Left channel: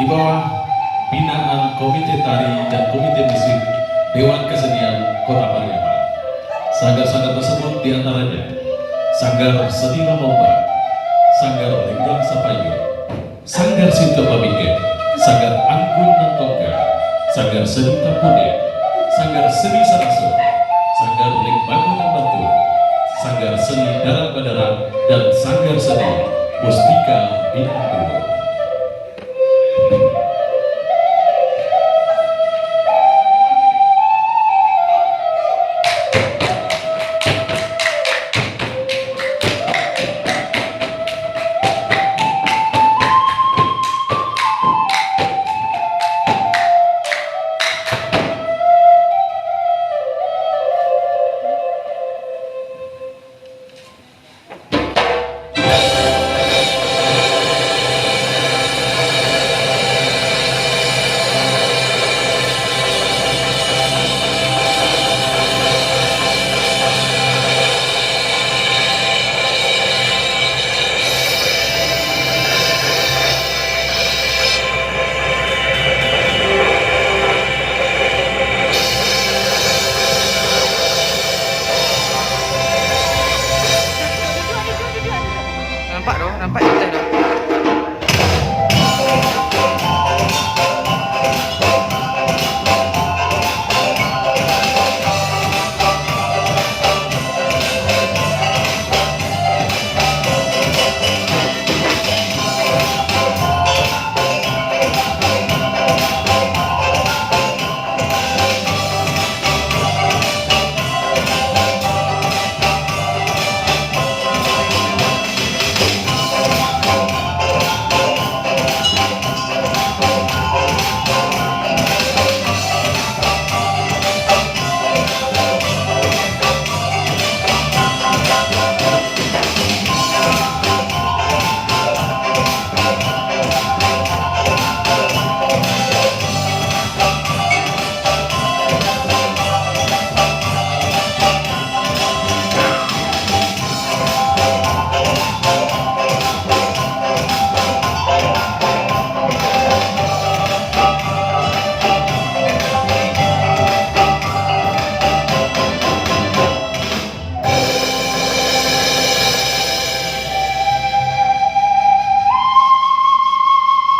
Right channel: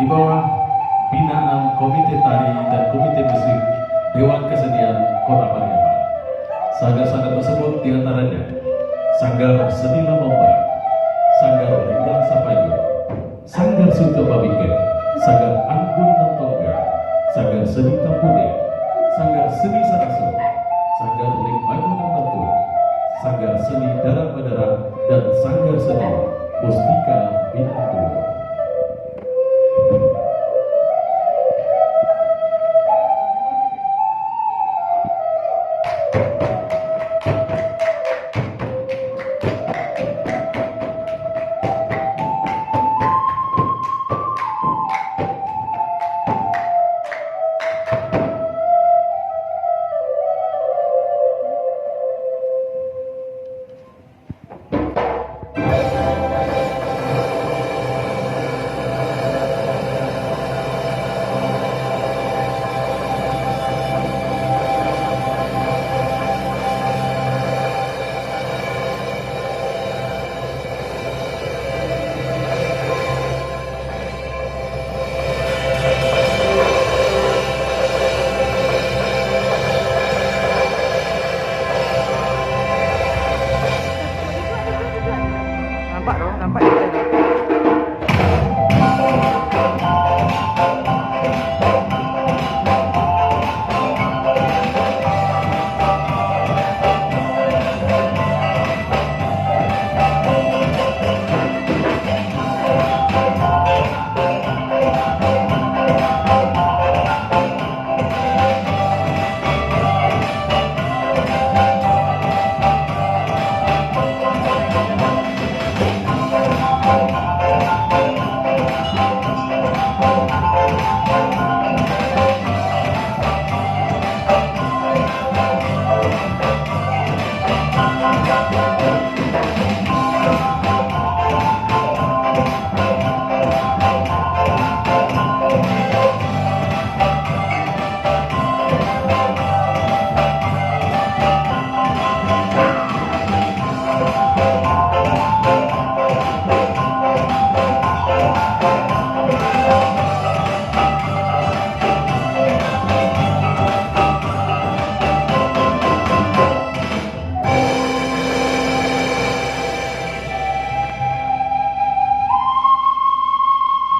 di bawah binaan Komite Tari dan Komite Musik Dewan Kesenian Kota Pariaman. Sanggar-sanggar tersebut diantaranya Sanggar Seni Lamomba, Sanggar Lenggang Sapayuang, Sanggar Sintuah Pamikek, Sanggar Anggun dan Tongga, Sanggar Seni Kepada, Sanggar Seni Saraso, Sanggar Lenggang dan Batu, Sanggar Seni Darat Badaran, dan Sanggar Seni Mustika Bintang. Nampak kita dah.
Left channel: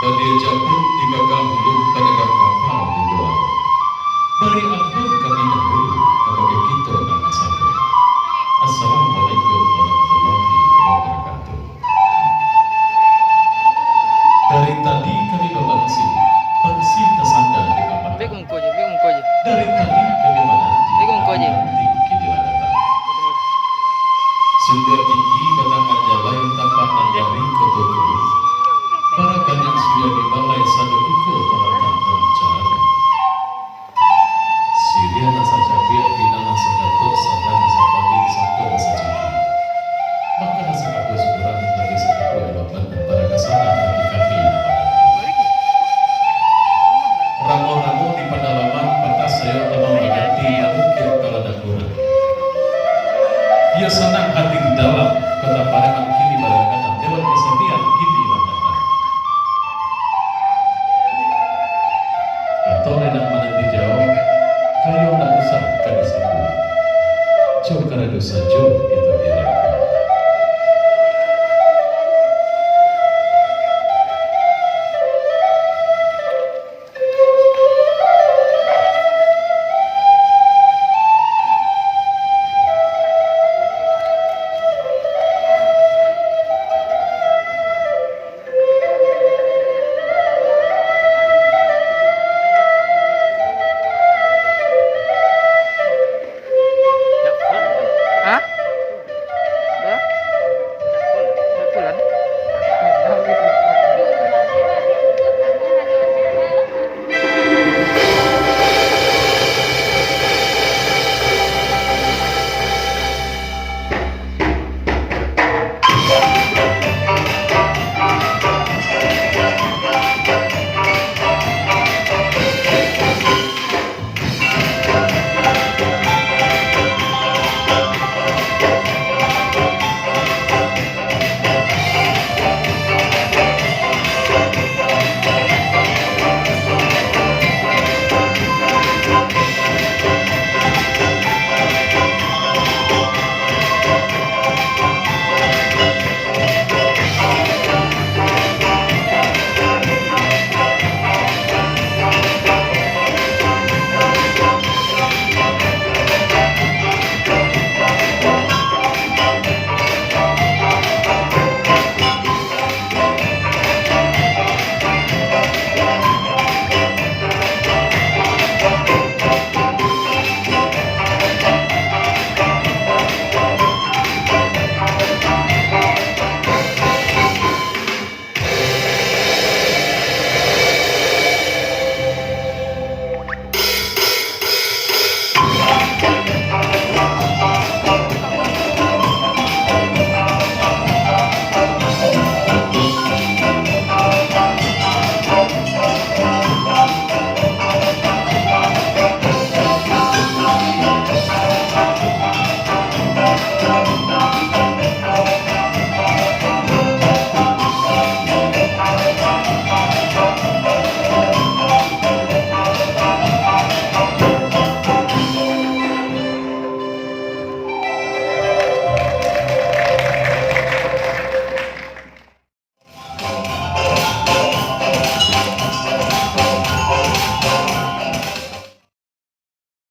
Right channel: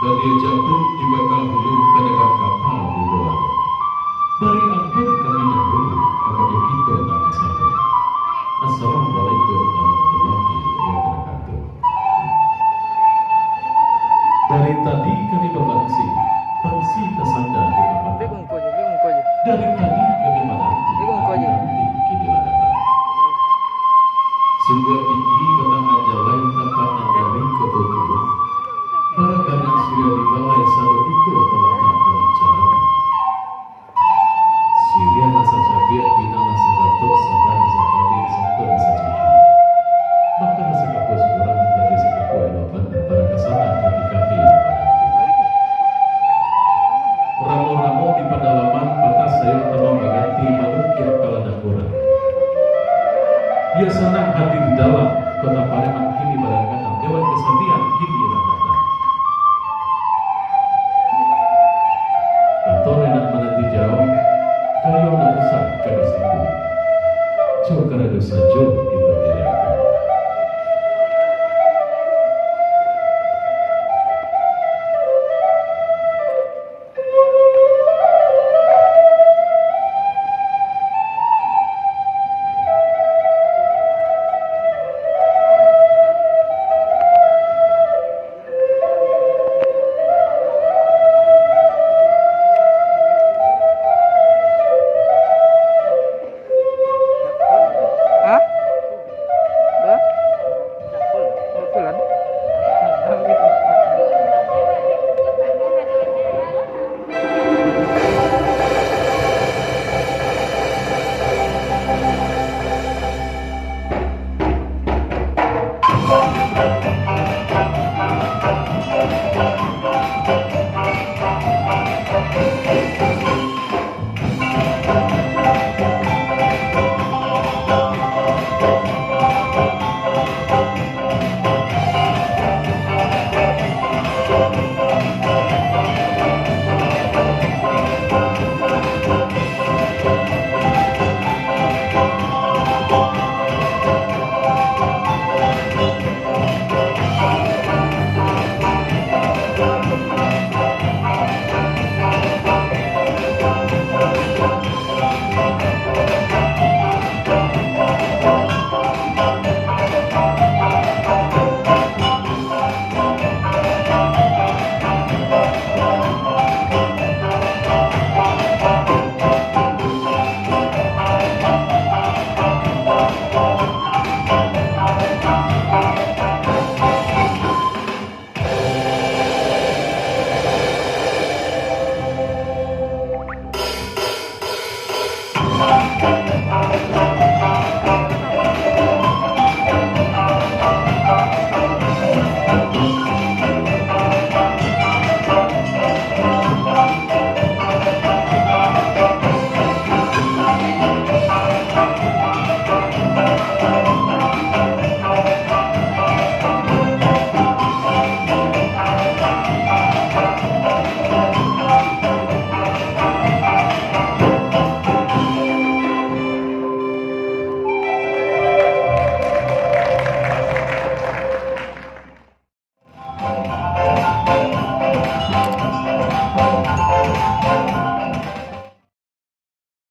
Badia jatuh di bakal hulu pedagang kapal di luar. Beri ampun kami dahulu kepada kita dan satu. Assalamualaikum warahmatullahi wabarakatuh. Dari tadi kami berlangsung, pangsi tersandar di kapal. Dari tadi kami menanti, kini datang. Sungguh tinggi batang aja lain tanpa nanjari kotor. Para banyak sudah dimalai satu ikut pelatang pembicaraan. Syria nasa jabir binama Sakato sadar sapali satu nasa jabir. Maka nasa kapus kurang dari satu halaman antara kesana bagi kami padaku. Ramo-ramo di pedalaman batas saya telah mengganti mungkin kalau ada kurang. Dia senang hadir di dalam Kota Pariaman kini barengan Dewan Kesenian kini datang. Jauh karena dosa jauh